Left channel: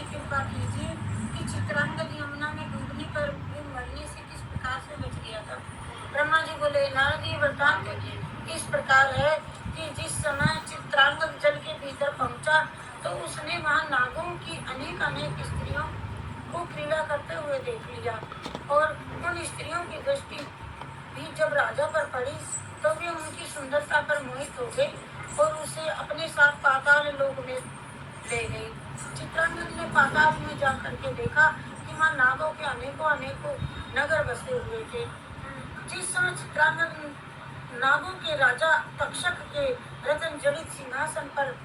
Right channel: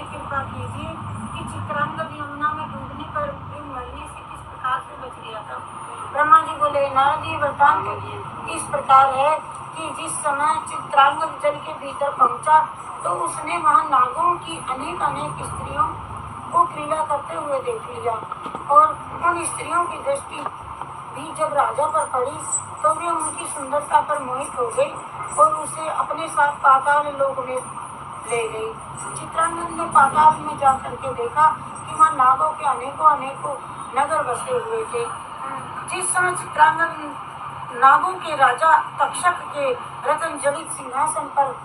कृपा कीजिए कि चित्रांगद यमुना में डूबने पर मरने से किस प्रकार से बच गया था। ब्रह्मा जी बोले, नारद जी वृत्तांत इस प्रकार है कि जिस समय चित्रांगद जल के भीतर पहुंचा तो उसने वहां नागों की अनेक स्त्रियों को क्रीड़ा करते हुए देख लिया और उन स्त्रियों की दृष्टि भी जब राजा पर पड़ी तो वे उनकी सुंदरता पर मोहित हो गए और उसे अपने साथ पाताल लोक में ले गई। चित्रांगद ने पाताल में जाकर के देखा कि वहाँ नागों के अनेकों नगर बसे हुए थे। जिस समय चित्रांगद नागों के राजा तक्षक के रतन जड़ित सिंहासन पर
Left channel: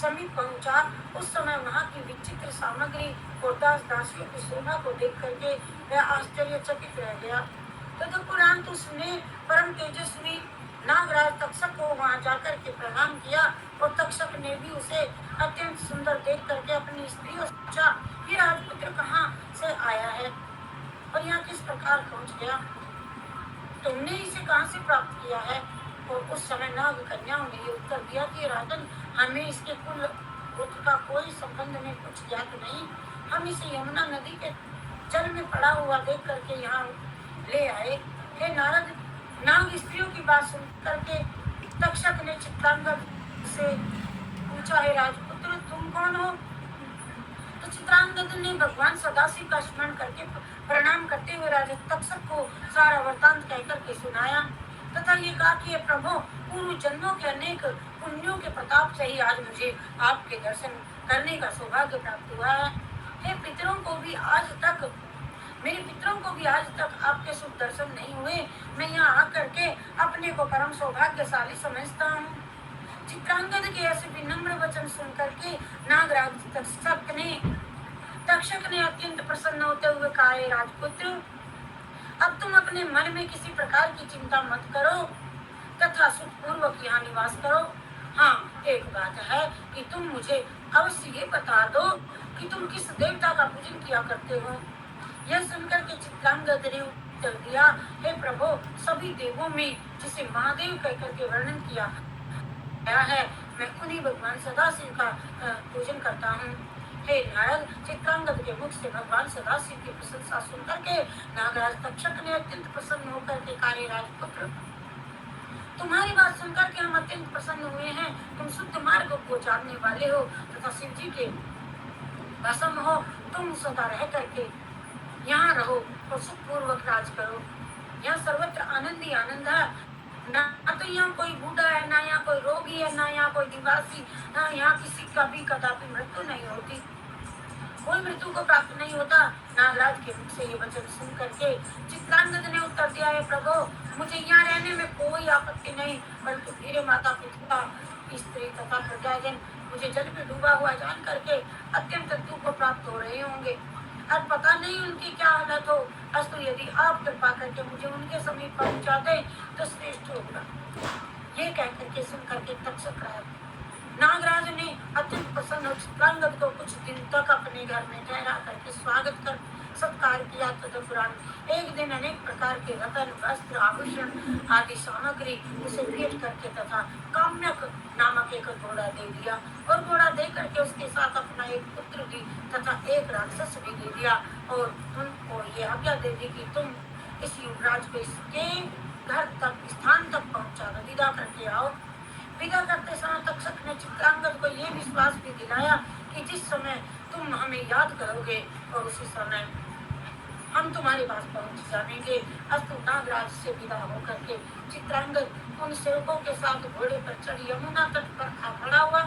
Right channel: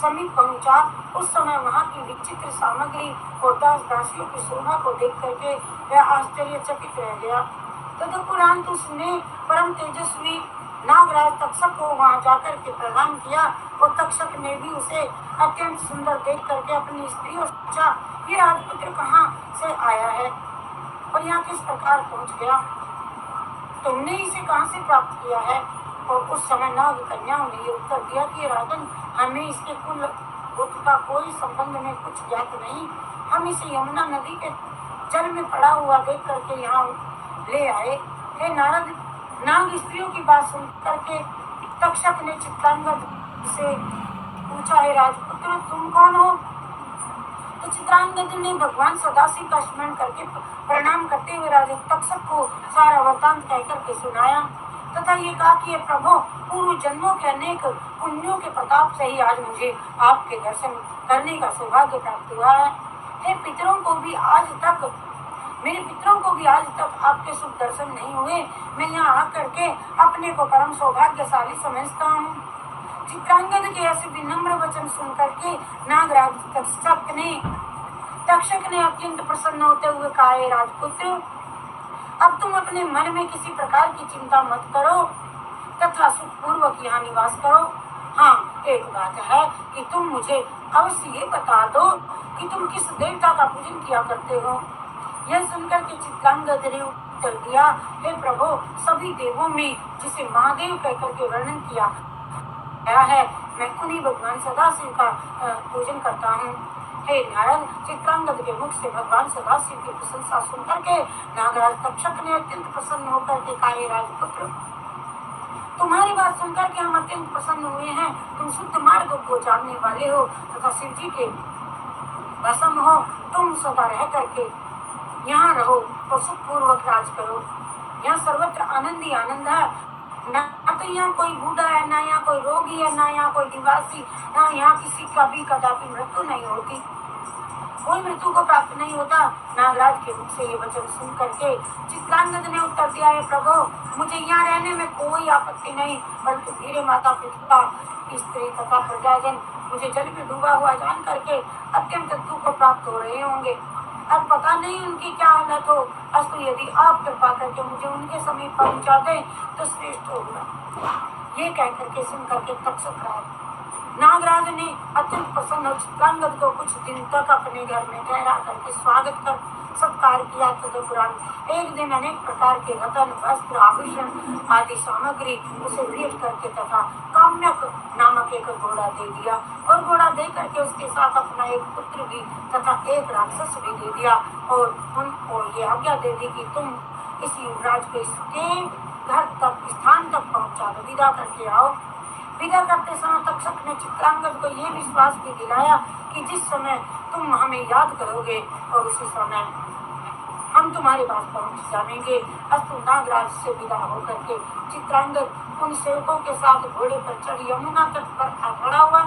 समीप पहुंचा, उस समय वहाँ की विचित्र सामग्री और दास दासियों की शोभा को देख करके वह आश्चर्यचकित रह गया। तदुपरांत उसने परम तेजस्वी नागराज तक्षक को वहां जाकर के प्रणाम किया और तक्षक ने भी उसे अत्यंत सुंदर देख करके अपनी स्त्रियों से पूछा, ये राजपुत्र कहाँ से आया है और यहाँ किस प्रकार पहुँच गया, तुमने इसे कहाँ से प्राप्त किया है। और उस समय नाग कन्याओं ने ये उत्तर दिया कि राजन, हमें इसके कुल गोत्र का कोई संबंध में कुछ ज्ञात नहीं, हम इसे यमुना नदी के जल में पड़ा हुआ देख करके यहाँ ले आए। हे नारद, नाग स्त्रियों की बात सुन करके तक्षक ने चित्रांगद से पूछा, हे राजपुत्र तुम कौन हो। तो चित्रांगद ने भगवान सदाशिव का स्मरण करके प्रणाम करते हुए राजा तक्षक को सारा वृत्तांत कह करके सुनाया तथा ये कहा कि प्रभु, पूर्व जन्मों के अनेक पुण्यों के प्रताप से ही आज मुझे आपके दर्शन करने का सौभाग्य प्राप्त हुआ है। हे पितरों को भी आज तक मेरे पितरों को भी आज तक आपके शुभ दर्शन नहीं हुए। मैं यहाँ आकर के अपने को परम सौभाग्यशाली समझता हूँ। चित्रांगद के ऐसे विनम्र वचन सुन करके नागराज तक्षक ने अत्यंत प्रसन्न होते हुए कहा, राजपुत्र, अब तुम अपने मन में किसी प्रकार की चिंता मत करो तथा सुखपूर्वक यहाँ निवास करो। हाँ, एक बात है कि तुम मुझे अवश्य ये बता दो कि तुम किस देवता का पूजन किया करते हो। यह सुनकर के चित्रांगद ने उत्तर दिया, हे प्रभु, सभी देवों में जिसे महादेव कहकर के वर्णन किया गया है, मैं उन्हीं भगवान सदाशिव का पूजन करता हूँ। हे नारद, चित्रांगद के मुख से भगवान सदाशिव की प्रशंसा सुनकर के नागराज तक्षक ने अत्यंत प्रसन्न होकर के कहा, राजपुत्र, तुम्हारी बात सुनकर के हम अत्यंत प्रसन्न हुए हैं। तुम शुद्ध मार्ग को जानने वाले हो तथा शिव जी के भस्म हो। तुम सदा रह करके यहाँ रहो और सुखपूर्वक राज करो। यहाँ सर्वत्र आनंद ही आनंद है। ना तो यहाँ कोई बूढ़ा है, ना यहाँ कोई रोगी है, ना यहाँ कोई दिवासी, ना यहाँ किसी का भी कदापि मृत्यु नहीं होती, कोई मृत्यु को प्राप्त नहीं होता। नागराज के मुख से ये वचन सुन करके चित्रांगद ने उत्तर दिया, है प्रभु, मुझे यहाँ रहने में कोई आपत्ति नहीं, बल्कि मेरे माता पिता, स्त्री तथा प्रजाजन मुझे जल में डूबा हुआ जान करके अत्यंत दुख को प्राप्त हो रहे होंगे। अब पता नहीं उनकी क्या हालत हो, अस्तु यदि आप कृपा करके मुझे उनके समीप पहुंचा दें तो श्रेष्ठ होगा। ये कह करके सुन करके तक्षक नागराज ने अत्यंत प्रसन्न चित्रांगद को कुछ दिन तक अपने घर में ठहरा करके स्वागत कर सत्कार किया। तदुपरांत एक दिन अनेक प्रकार के रतन, वस्त्र, आभूषण आदि सामग्री उसे भेंट करके तथा काम्यक नामक एक घोड़ा दे दिया और घोड़ा दे करके उसके साथ अपना एक पुत्र भी तथा एक राक्षस भी दे दिया और उनको ये आज्ञा दे दी कि तुम इस युवराज को इसके घर तक स्थान तक पहुंचा दो, विदा करके आओ। विदा करते समय तक्षक ने चित्रांगद को यह विश्वास भी दिलाया कि जिस समय तुम हमें याद करोगे और उसी समय हम तुम्हारे पास पहुंच जाएंगे। अस्तु, नागराज से विदा होकर के चित्रांगद उन सेवकों के साथ घोड़े पर चढ़ यमुना तट पर खड़ा हुआ।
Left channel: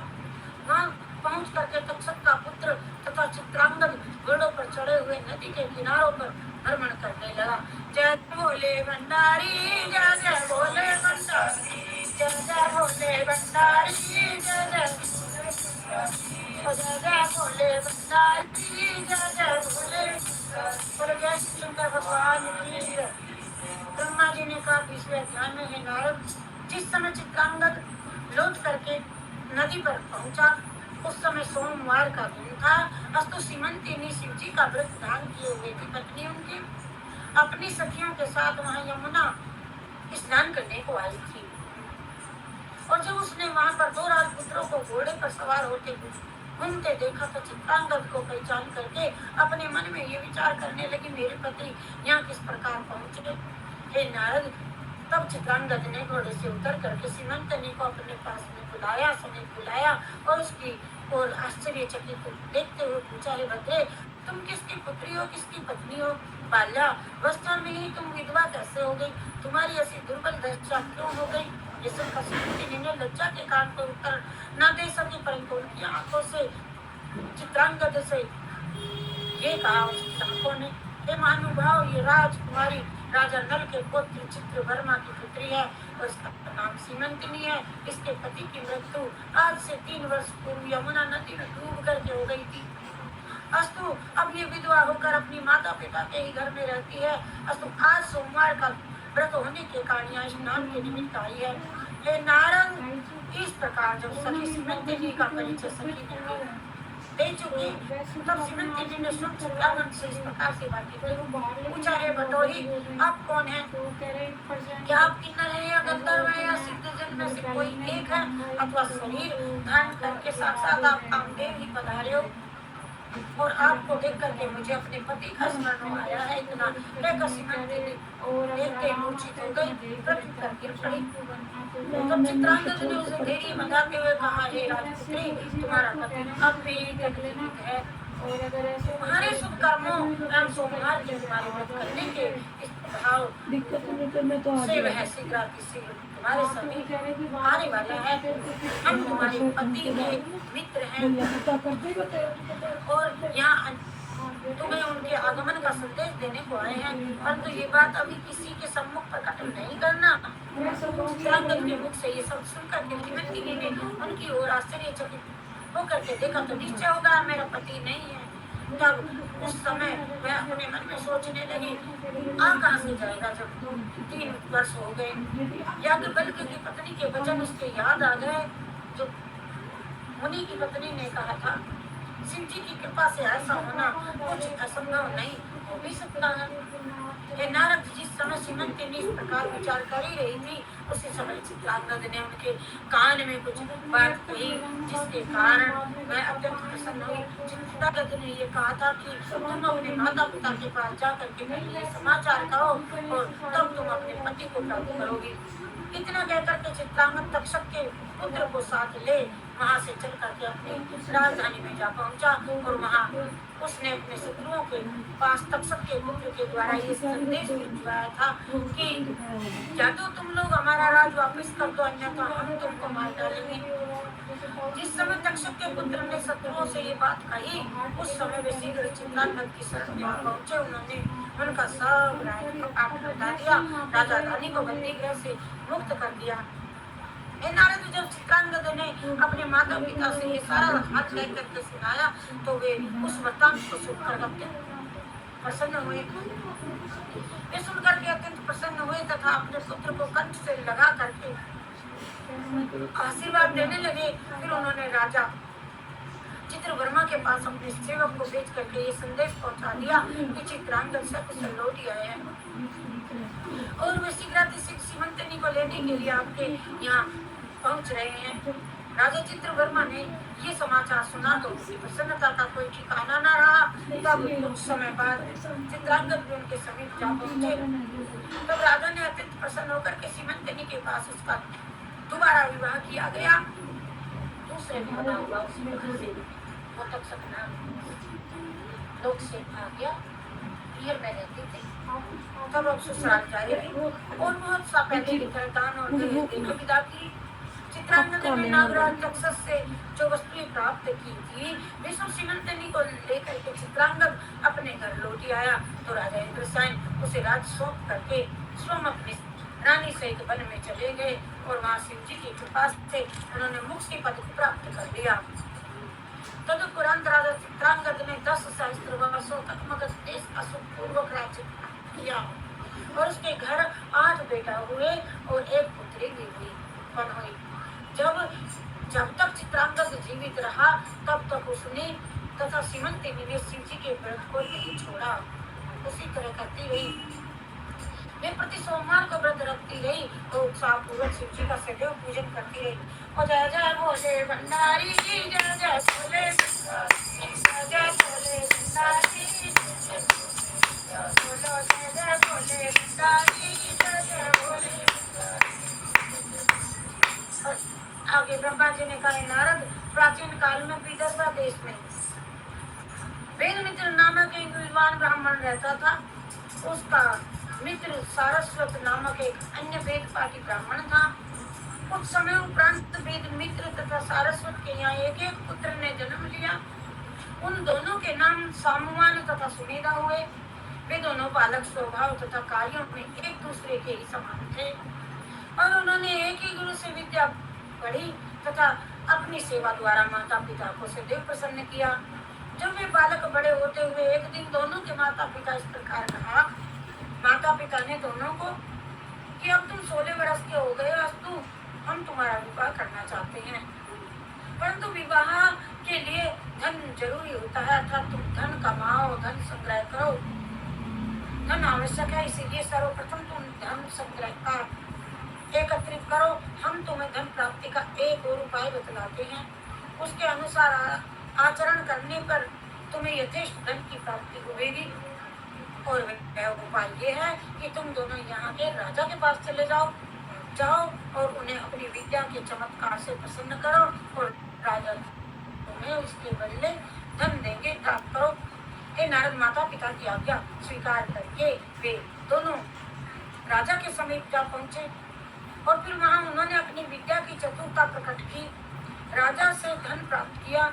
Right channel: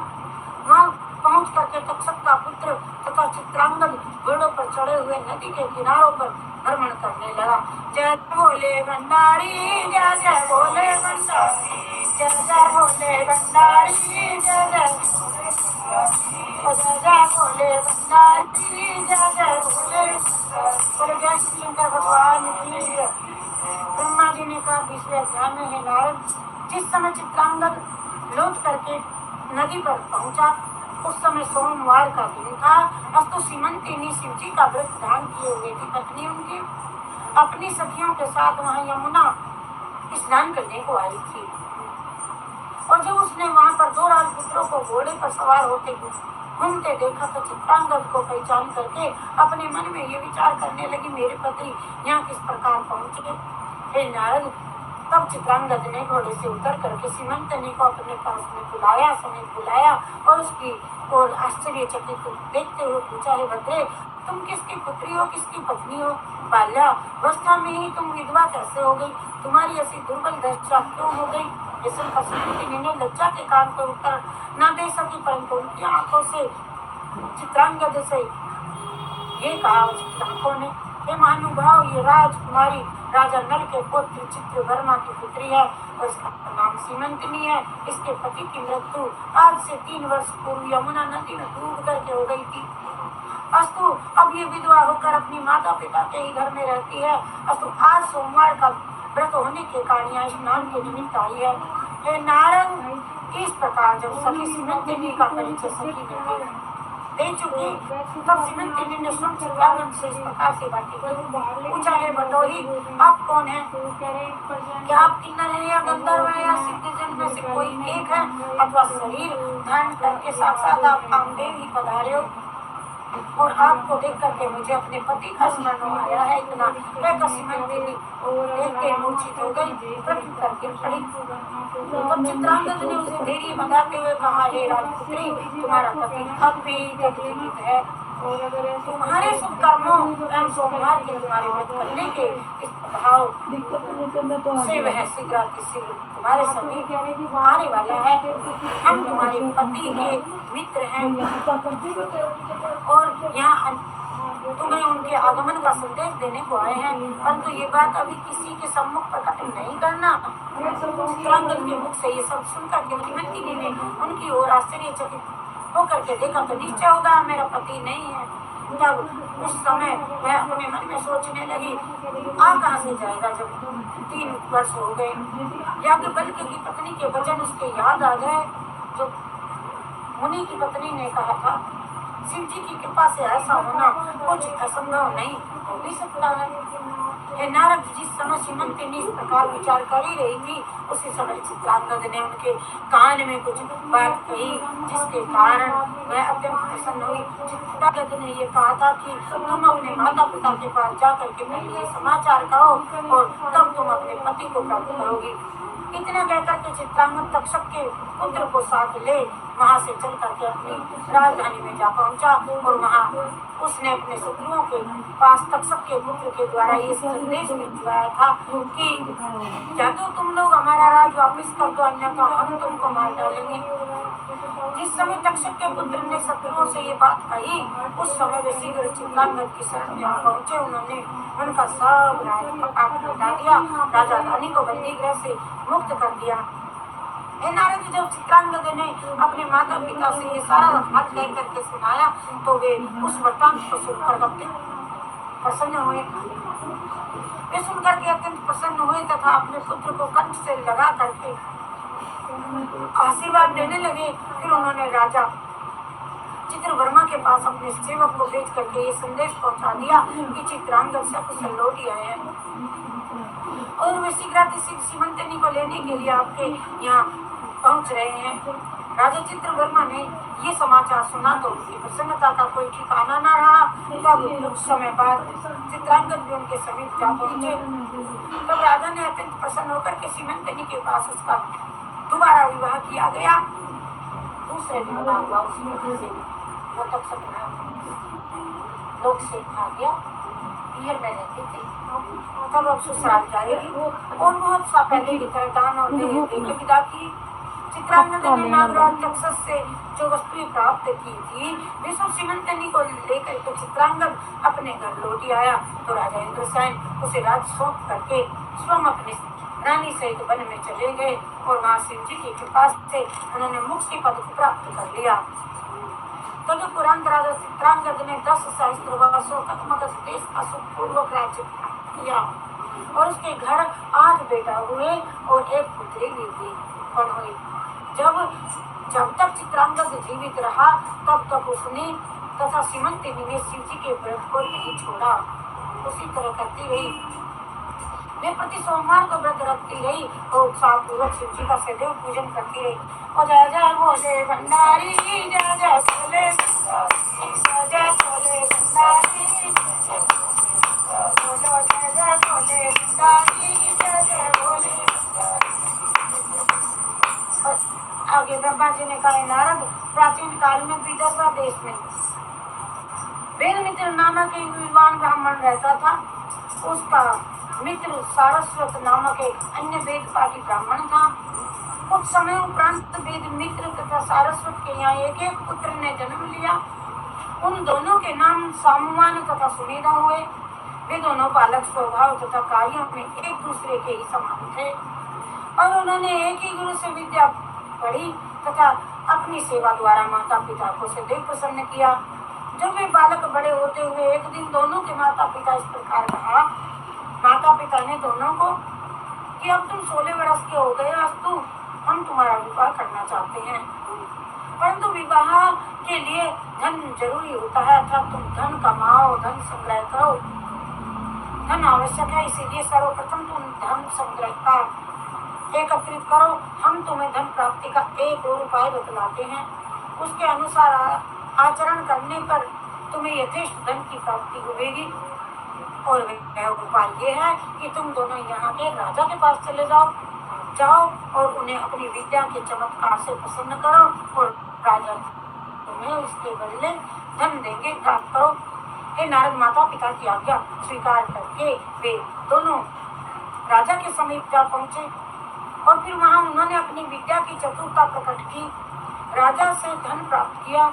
वहाँ पहुंच करके तक्षक का पुत्र तथा चित्रांगद घोड़ों पर चढ़े हुए नदी के किनारों पर भ्रमण करने लगा। जय बोले भंडारी, जय जय बोले भंडारी, जय जय बोले भंडारी, जय जय बोले भंडारी, जय जय बोले शंकर भगवान की। ब्रह्मा जी ने कहा 20वें अध्याय में, है नारद, जिस समय चित्रांगद लौट करके नदी पर पहुंचा उस समय सोमवार का दिन था। अस्तु, सीमंती ने शिव जी का व्रत धारण किए हुए थी। पत्नी उनकी अपनी सखियों के साथ वहां यमुना स्नान करने को आई थी और जब उसने वहां पर 2 राजपुत्रों को घोड़े पर सवार होते घूमते देखा तो चित्रांगद को पहचान करके अपने मन में ये विचार करने लगी, मेरे पति यहाँ किस प्रकार पहुंचे। हे नारद, तब चित्रांगद ने घोड़े से उतर करके सीमंतनी को अपने पास में बुलाया, समेत बुलाया और उसकी और आश्चर्यचकित देखते हुए पूछा, हे भद्रे, तुम किसकी पुत्री हो, किसकी पत्नी हो? बाल्यावस्था में ही तुम विधवा कैसे हो गई? तुम्हारी ऐसी दुर्बल दशा क्यों हो गई? ये सब सीमंतनी ने लज्जा के कारण पर उत्तर न दे सकी, परंतु उनकी आंखों से चित्रांगद से ये कहा चित्रकों ने, हे महानुभाव, ये राजकुमारी राजा नल के पुत्र चित्रवर्मा की पुत्री है और इसका नाम सीमंतनी है। इसके पति की मृत्यु आज से 3 वर्ष पूर्व यमुना नदी में डूब करके हो गई थी। अस्तु अब ये विधवा होकर अपनी माता पिता के ही घर में रहती है। अस्तु आज सोमवार का व्रत होने के कारण यहाँ स्नान के निमित्त आई है। हे नारद, इस प्रकार जब सखी सीमंतनी का परिचय सखी दे चुकी, तब सीमंतनी ने सुन चित्रांगद से इस प्रकार से बातें की। पूछा, हे बटोही, आप कौन हैं? क्या आप किन्नर हैं या गंधर्व हैं या सिद्धजन में से कोई एक है, अथवा शरीर धारण करके साक्षात आप कामदेव ही पधारे हो? और आपको देख करके मुझे अपने पति का स्मरण आया है। इतना कहकर सीमंतनी देख के मूर्छित हो गई, पृथ्वी करके पड़ी। तब चित्रांगद ने उसे धैर्य बंधाते हुए कहा, हे राजपुत्री, तुम्हारा पति अब भी जीवित है और तुम्हारे शुभ कर्मों एवं सोमवार के तुम्हारे व्रत करने के इस भाव से वह शीघ्र तुम्हारे समीप आने वाला है। हम तुम्हारे पति के मित्र हैं और यहाँ तुम्हें उनके आगमन का संदेश देने को आए हैं, परंतु ये बात अभी किसी के सम्मुख प्रकट नहीं करना। चित्रांगद के मुख से ये सब सुनकर के सीमंतनी ने उनकी ओर आश्चर्यचकित होकर के देखा तो निश्चय होगा मेरा पति नहीं है। तब उस समय वह अपने मन में सोचने लगी, आ कहाँ से जाएगा जब 3 वर्ष हो गए। याज्ञवल्क्य की पत्नी के वचन उसके याद आ गए, जो मुनि की पत्नी ने कहा था, शिव जी की कृपा से ऐसा होना कुछ असंभव नहीं हो भी सकता है। हे नारद, जिस समय सीमंतनी इस प्रकार विचार कर ही रही थी, उसी समय चित्रांगद ने उनके कान में कुछ बात कही, जिसके कारण वह अत्यंत प्रसन्न हुई। चित्रांगद ने ये कहा था कि तुम अपने माता पिता के पास जा करके पहले ये समाचार कहो और तब तुम अपने पति को प्राप्त करोगी। इतना कहकर के चित्रांगद तक्षक के पुत्र को साथ ले वहां से चल करके अपनी राजधानी में जा पहुंचा और वहां उसने अपने शत्रुओं के पास तक्षक के पुत्र के द्वारा ये संदेश भिजवाया था कि या तो तुम लोग हमारा राज वापस कर दो, अन्यथा हम तुमको मार डालेंगे। जिस समय तक्षक के पुत्र ने शत्रुओं से ये बात कही, उस समय वे शीघ्र चित्रांगद की शरण में पहुंचे। उन्होंने उनका सब राज लौटा दिया, राजा रानी को बंदी गृह से मुक्त कर दिया। नारद, जब चित्रांगद ने अपने माता पिता से ये सारा हाथ ले करके सुनाया तो वे उस वृत्तांत को सुनकर प्रसन्न हुए। वे सुनकर के अत्यंत प्रसन्न हुए तथा अपने पुत्र को कंठ से लगा करके आशीर्वाद देने लगे। फिर उन्होंने राजा चित्रवर्मा के पास अपने सेवक को भेज करके ये संदेश पहुंचा दिया कि चित्रांगद सकुशल लौट आए हैं और वे शीघ्र सीमंतनी को लेने के लिए आपके यहाँ पहुंच रहे हैं। राजा चित्रवर्मा ने ये समाचार सुना तो उसकी प्रसन्नता का कोई ठिकाना न रहा। तब कुछ समय बाद चित्रांगद भी उनके समीप जा पहुंचे। तब राजा ने अत्यंत प्रसन्न होकर के सीमंतनी के पास उसका दोबारा विवाह किया गया। दूसरे विवाह हुआ उसमें से वो तक सपना लोग से आ गया, पियर में रहते थे। तब अब ससुराल जाएगी और बहुत सा पहले की तरह दान और विदा की। चित्रांगद ने नागराज तक्षक से जो वस्तुएं प्राप्त की थी, विष्णु सीमंतनी को लेकर के चित्रांगद अपने घर लौट आया तो राजा इंद्रसेन उसे राज सौंप करके स्वयं अपनी रानी सहित वन में चले गए और वहां शिव जी की कृपा से उन्होंने मुक्ति पद प्राप्त कर लिया। तदुपरांत राजा चित्रांगद ने 10 सहस्त्र वर्षों तक मगध देश का सुखपूर्वक राज्य किया और उसके घर 8 बेटा हुए और 1 पुत्री भी हुई। जब तक चित्रांगद जीवित रहा तब तक उसने तथा सीमंतनी ने शिव जी के व्रत को नहीं छोड़ा। उसी तरह करती रही। वे प्रति सोमवार को व्रत रखती रही और उत्साह पूर्वक शिव जी का सदैव पूजन करती रही। और जय जय भोले भंडारी, जय जय भोले, जय जय भोले भंडारी, बोलो जय जय भोले भंडारी, जय जय भोले। और आगे ब्रह्मा जी ने कहा, नारद, प्राचीन काल में विदर्भ देश में वेदमित्र नामक एक विद्वान ब्राह्मण रहता था। उसका मित्र सारस्वत नामक एक अन्य वेद पाठी ब्राह्मण था। कुछ समय उपरांत वेद मित्र तथा सारस्वत के यहाँ एक एक पुत्र ने जन्म लिया। उन दोनों के नाम सामुमान तथा सुमेधा हुए। वे दोनों बालक स्वभाव तथा कार्यों में एक दूसरे के ही समान थे और उन्होंने एक ही गुरु से विद्या पढ़ी तथा अपनी सेवा द्वारा माता पिता को सदैव प्रसन्न किया। जब वे बालक बड़े होते हुए एक दिन दोनों के माता पिता इस प्रकार कहा, माता पिता ने दोनों को कि अब तुम 16 वर्ष के हो गए, अस्तु हम तुम्हारा विवाह करना चाहते हैं, परंतु विवाह के लिए धन जरूरी होता है, अर्थात तुम धन कमाओ, धन संग्रह करो, धन आवश्यक है, इसीलिए सर्वप्रथम तुम धन संग्रह का एकत्रित करो। हम तुम्हें धन प्राप्ति का एक और उपाय बतलाते हैं, उसके अनुसार आचरण करने पर तुम्हें यथेष्ट धन की प्राप्ति होगी। और वह उपाय ये है कि तुम दोनों यहाँ के राजा के पास चले जाओ और उन्हें अपनी विद्या के चमत्कार से प्रसन्न करो और राजा तुम्हें उसके बदले धन देंगे, प्राप्त करो। हे नारद, माता पिता की आज्ञा स्वीकार करके वे दोनों राजा के समीप जा पहुँचे और फिर वहाँ उन्होंने अपनी विद्या की चतुरता प्रकट की, राजा से धन प्राप्त किया।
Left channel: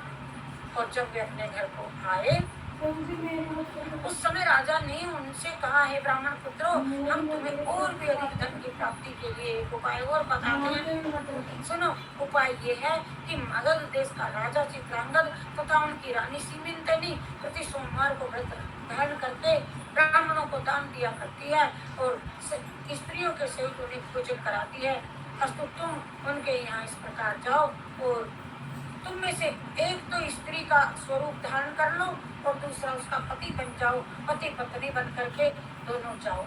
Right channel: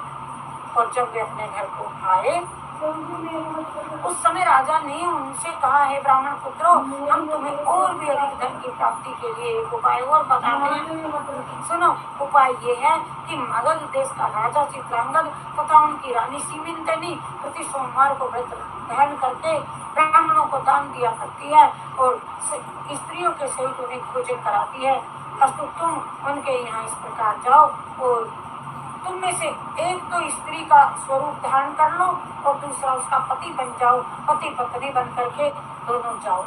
और जब वे अपने घर को आए उस समय राजा ने उनसे कहा, हे ब्राह्मण पुत्रों, हम तुम्हें और भी अधिक धन की प्राप्ति के लिए एक उपाय और बताते हैं। सुनो, उपाय ये है कि मगध देश का राजा चित्रांगद तथा उनकी रानी सीमिंतनी प्रति सोमवार को व्रत धारण करके ब्राह्मणों को दान दिया करती है और स्त्रियों के सहित उन्हें भोजन कराती है। अस्तु तुम उनके यहाँ इस प्रकार जाओ और तुम में से एक तो स्त्री का स्वरूप धारण कर लो और दूसरा उसका पति बन जाओ, पति पत्नी बन करके दोनों जाओ।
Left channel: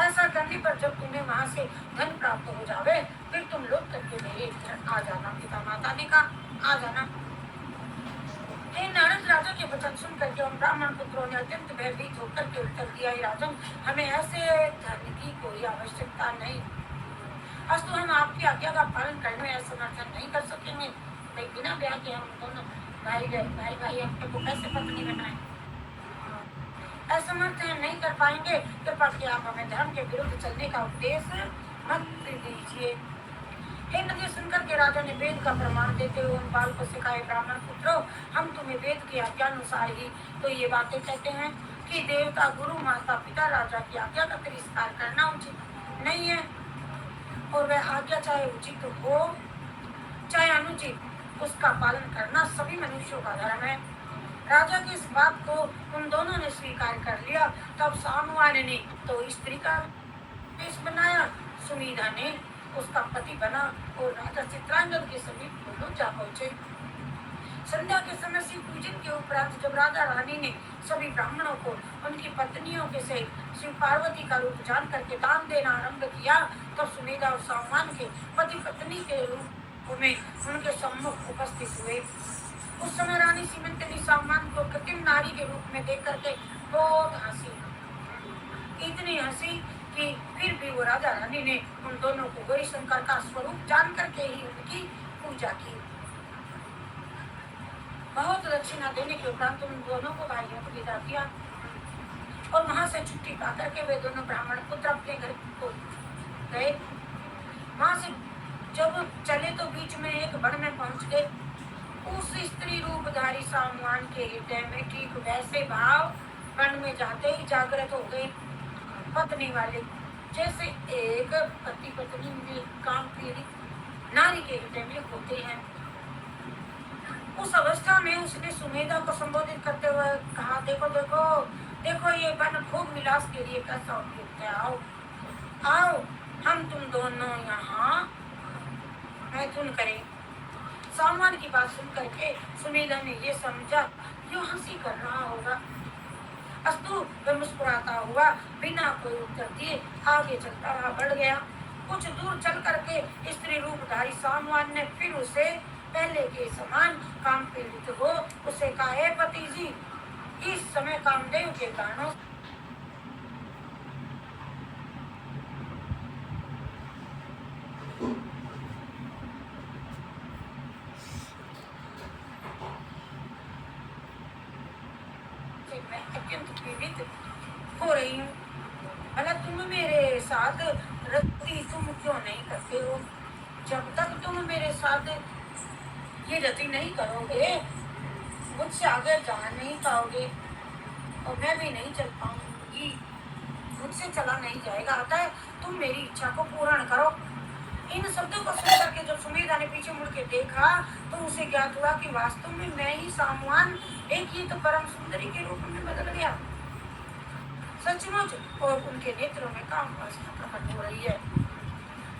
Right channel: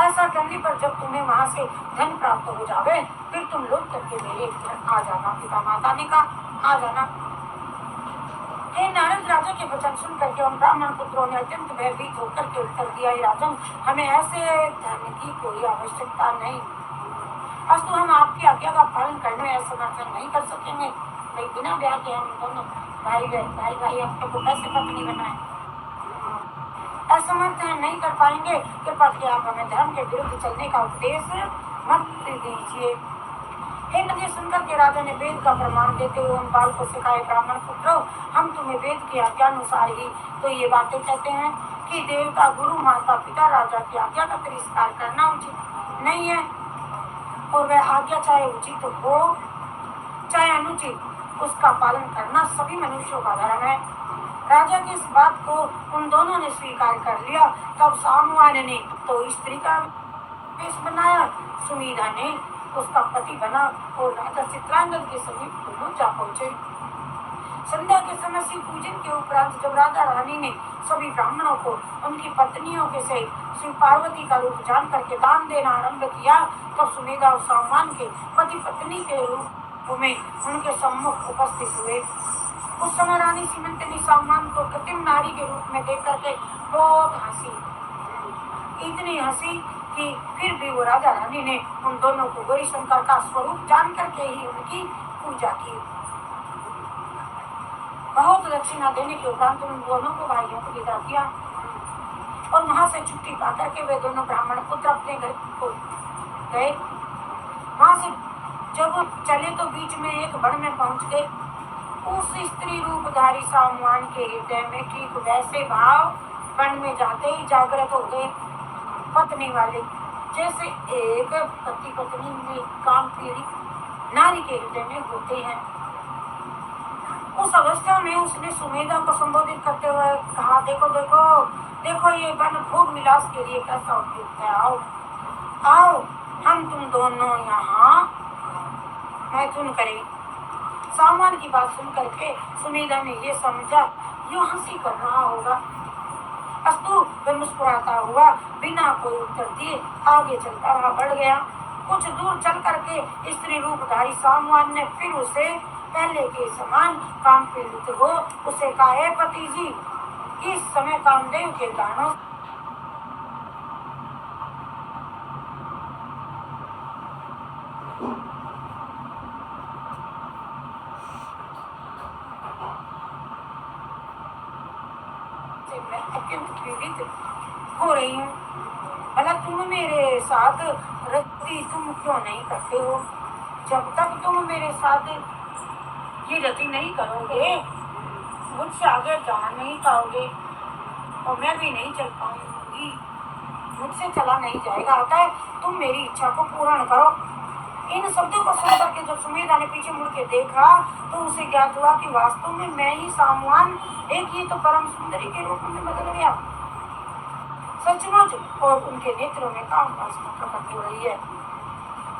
ऐसा करने पर जब तुम्हें वहाँ से धन प्राप्त हो जावे फिर तुम लौट करके मेरे घर आ जाना। पिता माता ने कहा, आ जाना। हे नारद, राजा के वचन सुन करके उन ब्राह्मण पुत्रों ने अत्यंत भयभीत होकर के उत्तर दिया, राजन, हमें ऐसे धन की कोई आवश्यकता नहीं, अस्तु हम आपकी आज्ञा का पालन करने में असमर्थ नहीं कर सकेंगे। लेकिन बिना ब्याह के हम दोनों भाई आपको कैसे पत्नी बनाए, असमर्थ नहीं कर पाएंगे। कृपा करके आप हमें धर्म के विरुद्ध चलने का उपदेश मत दीजिए। हे नदी, सुनकर के राजा ने वेद का प्रमाण देते हुए उन बालकों से कहा, ब्राह्मण पुत्रों, हम तुम्हें वेद की आज्ञा अनुसार ही तो ये बातें कहते हैं कि देवता, गुरु, माता पिता, राजा की आज्ञा का तिरस्कार करना उचित नहीं है और वह आज्ञा चाहे उचित हो चाहे अनुचित, उसका पालन करना सभी मनुष्यों का धर्म है। राजा की इस बात को उन दोनों ने स्वीकार कर लिया। तब सामुआन ने तो स्त्री का वेश बनाया, सुमेधा ने उसका पति बना और राजा चित्रांगद के समीप दोनों जा पहुंचे। संध्या के समय शिव पूजन के उपरांत जब राजा रानी ने सभी ब्राह्मणों को उनकी पत्नियों के सहित शिव पार्वती का रूप जान करके दान देना आरंभ किया, तब सुमेधा और सामान के पति पत्नी के रूप में उनके सम्मुख उपस्थित हुए। उस समय रानी सीमंतनी सामान को कृत्रिम नारी के रूप में देख करके बहुत हंसी, इतनी हंसी कि फिर भी वो राजा रानी ने उन दोनों को गौरी शंकर का स्वरूप जान करके ही उनकी पूजा की। बहुत दक्षिणा देने के उपरांत उन दोनों को भाइयों को विदा किया और वहां से छुट्टी पा करके वे दोनों ब्राह्मण पुत्र अपने घर को गए। वहां से जब चले तो बीच में एक वन में पहुंच गए। उस स्त्री रूपधारी सामुआन के हृदय में ठीक वैसे भाव वन में जाते ही जागृत हो गए, पत्नी वाले, जैसे एक पति पत्नी में काम पीड़ित नारी के हृदय में होते हैं। उस अवस्था में उसने सुमेधा को संबोधित करते हुए कहा, देखो देखो देखो, ये वन भोग विलास के लिए कैसा उपयुक्त है, आओ आओ हम तुम दोनों यहाँ मैथुन करें। सामान की बात सुन करके सुमेधा ने ये समझा, यो हंसी कर रहा होगा अस्तु। वह मुस्कुराता हुआ बिना कोई उत्तर दिए आगे चलता रहा, बढ़ गया। कुछ दूर चल करके स्त्री रूपधारी सामवान ने फिर उसे पहले के समान काम पीड़ित हो उसे कहा, हे पति जी, इस समय कामदेव के गानों से मैं अत्यंत पीड़ित हो रही हूँ। भला तुम मेरे साथ रति तुम क्यों नहीं करते हो? जब तक तुम मेरे साथ ये रति नहीं करोगे, मुझसे आगे जा नहीं पाओगे और मैं भी नहीं चल पाऊंगी, मुझसे चला नहीं जाएगा। आता है तुम मेरी इच्छा को पूर्ण करो। इन शब्दों को सुनकर के जब सुमेधा ने पीछे मुड़ के देखा तो उसे ज्ञात हुआ कि वास्तव में मैं ही सामवान एक ही तो परम सुंदरी के रूप में बदल गया, सचमुच। और उनके नेत्रों में काम वासना प्रकट हो रही है।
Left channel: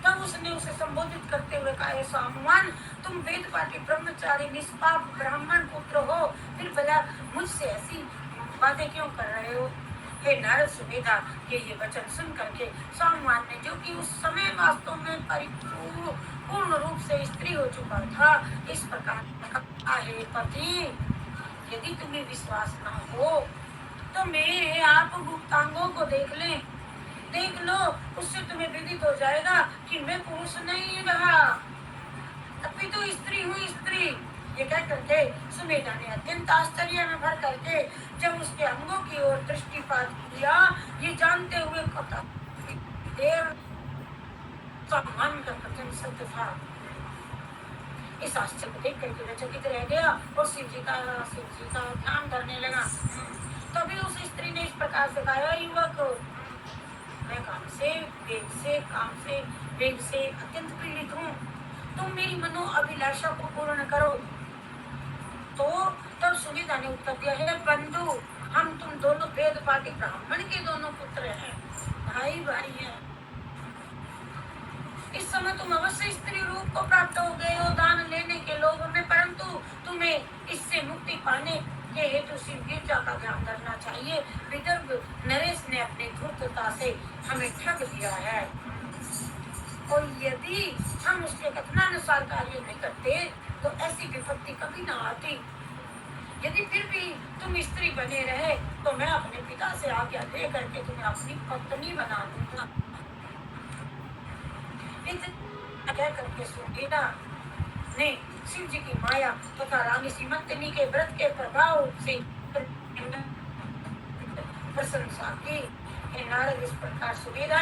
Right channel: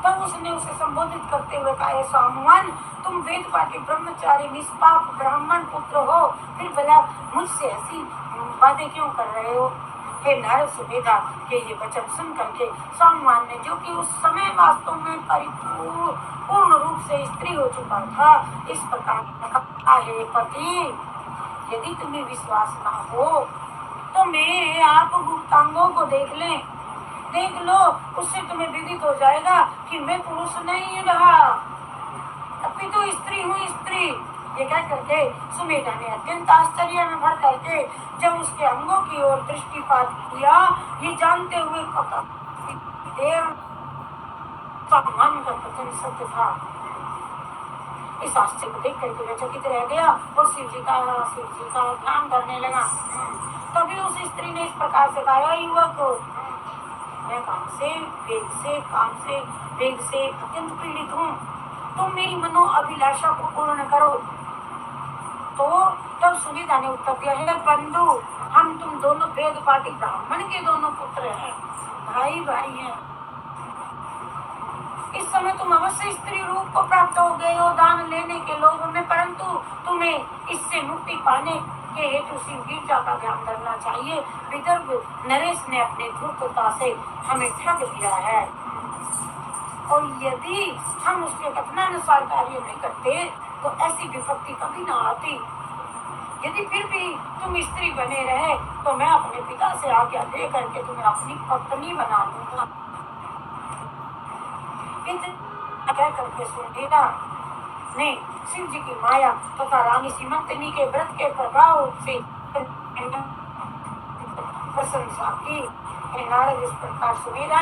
तब उसने उसे संबोधित करते हुए कहा, हे सामवान, तुम वेद पाठी ब्रह्मचारी निष्पाप ब्राह्मण पुत्र हो, फिर भला मुझसे ऐसी बातें क्यों कर रहे हो? हे नारद सुमेधा के ये वचन सुन करके सामवान ने, जो कि उस समय वास्तव में पूर्ण रूप से स्त्री हो चुका था, इस प्रकार कहा, हे पति, यदि तुम्हें विश्वास ना हो तो मेरे आप गुप्तांगों को देख लो, उससे तुम्हें विदित हो जाएगा कि मैं पुरुष नहीं रहा, अभी तो स्त्री हूँ, स्त्री। ये कह करके सुमेधा ने अत्यंत आश्चर्य में भर करके जब उसके अंगों की ओर दृष्टिपात किया, ये जानते हुए मन का कथन सत्य था। इस आश्चर्य को देख करके वह चकित रह गया और शिव जी का ध्यान करने लगा। तभी उस स्त्री ने इस प्रकार से कहा, युवक, मैं काम से वेग से अत्यंत पीड़ित हूँ, तुम मेरी मनो अभिलाषा को पूर्ण करो। तो तब सुमेधा ने उत्तर दिया, है बंधु, हम तुम दोनों वेद पाठी ब्राह्मण के दोनों पुत्र हैं, भाई हैं। इस समय तुम अवश्य स्त्री रूप को प्राप्त हो गए हो दान लेने के लोभ में, परंतु तुम्हें इससे मुक्ति पाने के हेतु शिव गिरजा का ध्यान करना चाहिए। विदर्भ नरेश ने अपने धूर्तता से हमें ठग दिया है और यदि हम उसके कथनानुसार कार्य नहीं करते तो ऐसी विपत्ति कभी न आती। यदि फिर भी तुम स्त्री बने रहे तो मैं अपने पिता से आज्ञा दे करके तुम्हें अपनी पत्नी बना दूंगा। कह करके सुमेधा ने शिव जी की माया तथा रानी सीमंतनी के व्रत के प्रभाव से प्रशंसा की। नारद इस प्रकार सुमेधा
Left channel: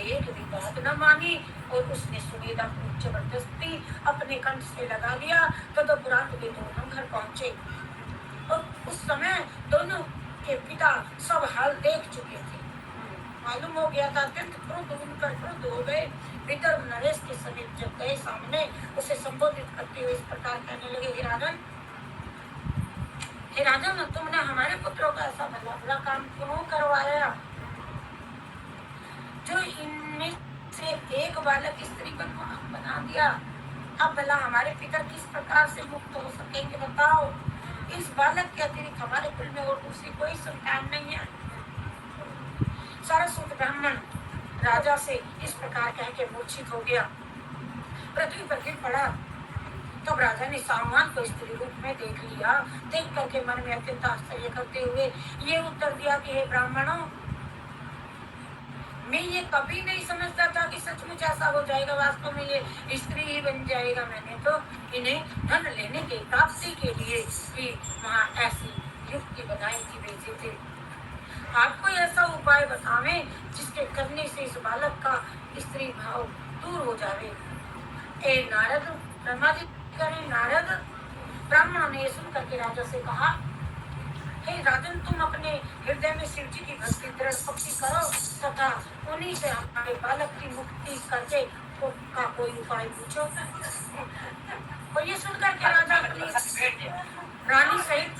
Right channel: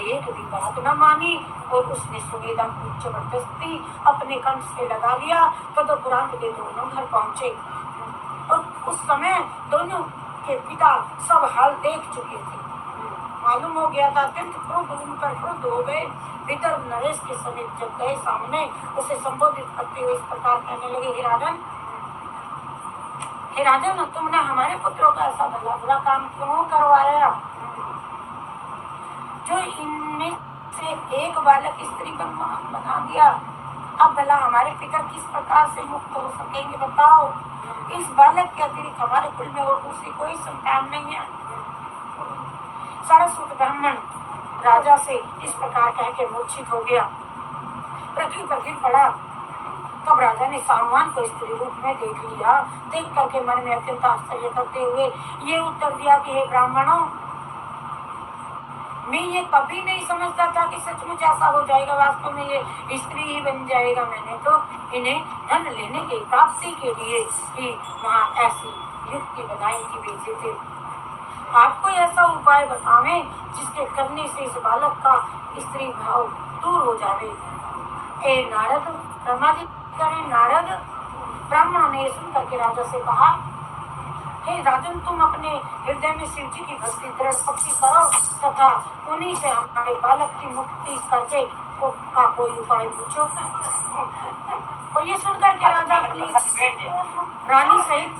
एक भी बात न मानी और उसने सुमेधा को जबरदस्ती अपने कंठ से लगा लिया। तदुपरांत वे दोनों घर पहुंचे और उस समय दोनों के पिता सब हाल देख चुके थे। मालूम हो गया था, अत्यंत क्रुद्ध हो गए। विदर्भ नरेश के समीप जब गए, सामने उसे संबोधित करते हुए इस प्रकार कहने लगे, हे राजन, तुमने हमारे पुत्रों का ऐसा भला बुरा काम क्यों करवाया जो इनमें से एक बालक स्त्री बना दिया? अब भला हमारे पिता किस प्रकार से मुक्त हो सकेंगे बताओ? इस बालक के अतिरिक्त हमारे कुल में और दूसरी कोई संतान नहीं है। सरस्वत ब्राह्मण राजा से इस प्रकार कह के मूर्छित हो गया, पृथ्वी पर गिर पड़ा। तब राजा ने सामवान को स्त्री रूप में देख लिया। देख करके मन में अत्यंत आश्चर्य करते हुए ये उत्तर दिया कि हे ब्राह्मणों, मैं ये कभी नहीं समझता था कि सचमुच ऐसा हो जाएगा। वास्तव में ये स्त्री ही बन जाएगा। मैंने तो इन्हें धन लेने की प्राप्ति के लिए ही वहाँ ऐसी युक्ति बनाई थी, भेजे थे। आपको ऐसा उपाय बतावें जिसके करने से इस बालक का स्त्री भाव दूर हो जावे। ए नारद, ब्रह्मा जी करें नारद। ब्राह्मणों ने सुन करके राजा से कहा, हे राजन, तुम अपने हृदय में शिव जी की भक्ति दृढ़ पक्की करो तथा उन्हीं से हमारे बालक की मुक्ति करके का कोई उपाय पूछो। और ये सुनकर के राजा अपनी रानी सहित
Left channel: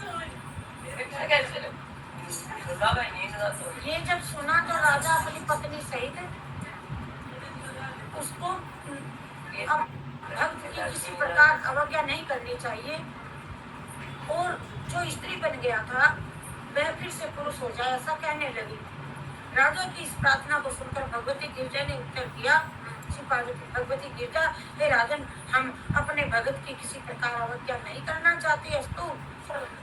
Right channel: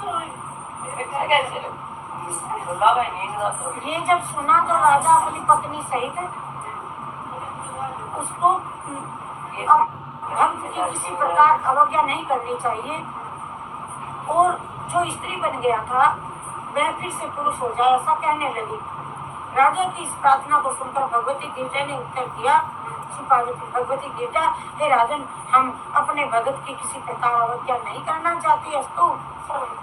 ये जब सुना तो राजा अपनी पत्नी सहित उसको अब भक्त की किसी प्रकार अवज्ञा नहीं करनी चाहिए। और जो स्त्री बन गया था वह फिर से पुरुष हो जाए, ऐसा कहने लगी। राजा की इस प्रार्थना को सुनकर भगवती गिरजा ने उत्तर दिया, भगवती गिरजा, हे राजन, हम अपने भगत की किसी प्रकार अवज्ञा नहीं करना चाहती। अस्तु,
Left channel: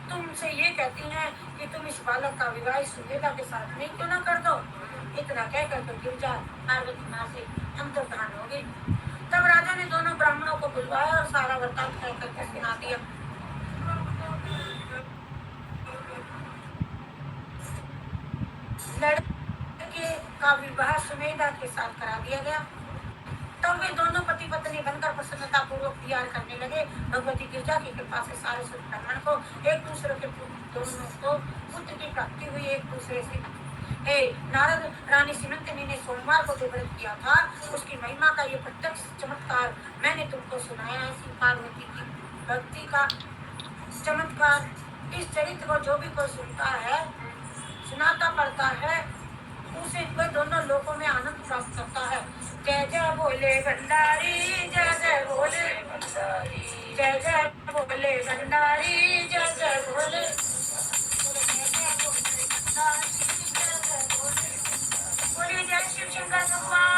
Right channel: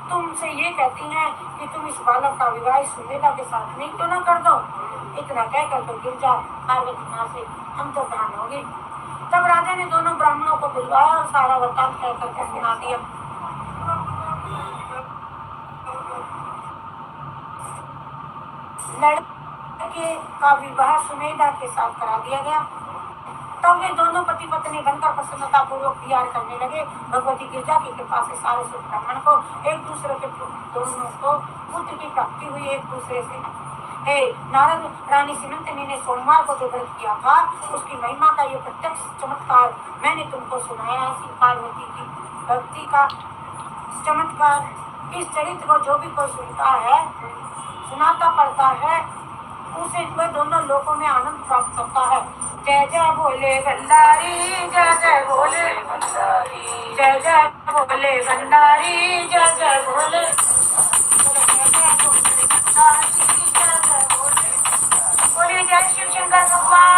तुमसे ये कहती हैं कि तुम इस बालक का विवाह सुमेधा के साथ नहीं क्यों न कर दो। इतना कहकर तो गिरजा पार्वती माँ से अंतर्धान होगी। तब राजा ने दोनों ब्राह्मणों को बुलवाया और सारा वृत्तांत कह करके सुना दिया। लड़के का विवाह सुमेधा के साथ करा दिया गया। तब वे दोनों पति पत्नी बनकर प्रसन्नता पूर्वक विहार करने लगे। भगवती गिरजा की कृपा से सारे ब्राह्मण को एक दूसरे के दोनों को पुत्र की प्राप्ति हुई। एक दूसरे से हे नारद, रानी सिमंतनी ने सोमवार को जो व्रत किया था उसकी महिमा का ये प्रत्यक्ष चमत्कार मैंने तुमको सुनाया है। श्री पार्वती की भक्ति का चमत्कार, इस चरित्र को जो भी कोई सुनता है, सुनाता पड़ता है, उसे वे दोनों लोकों में आनंद प्राप्त करता है। जय जय भोले भंडारी, जय जय भोले भंडारी, जय जय भोले भंडारी, जय जय भोले, जय जय भोले भंडारी, जय जय भोले। बोले जय शिव शंकर भगवान।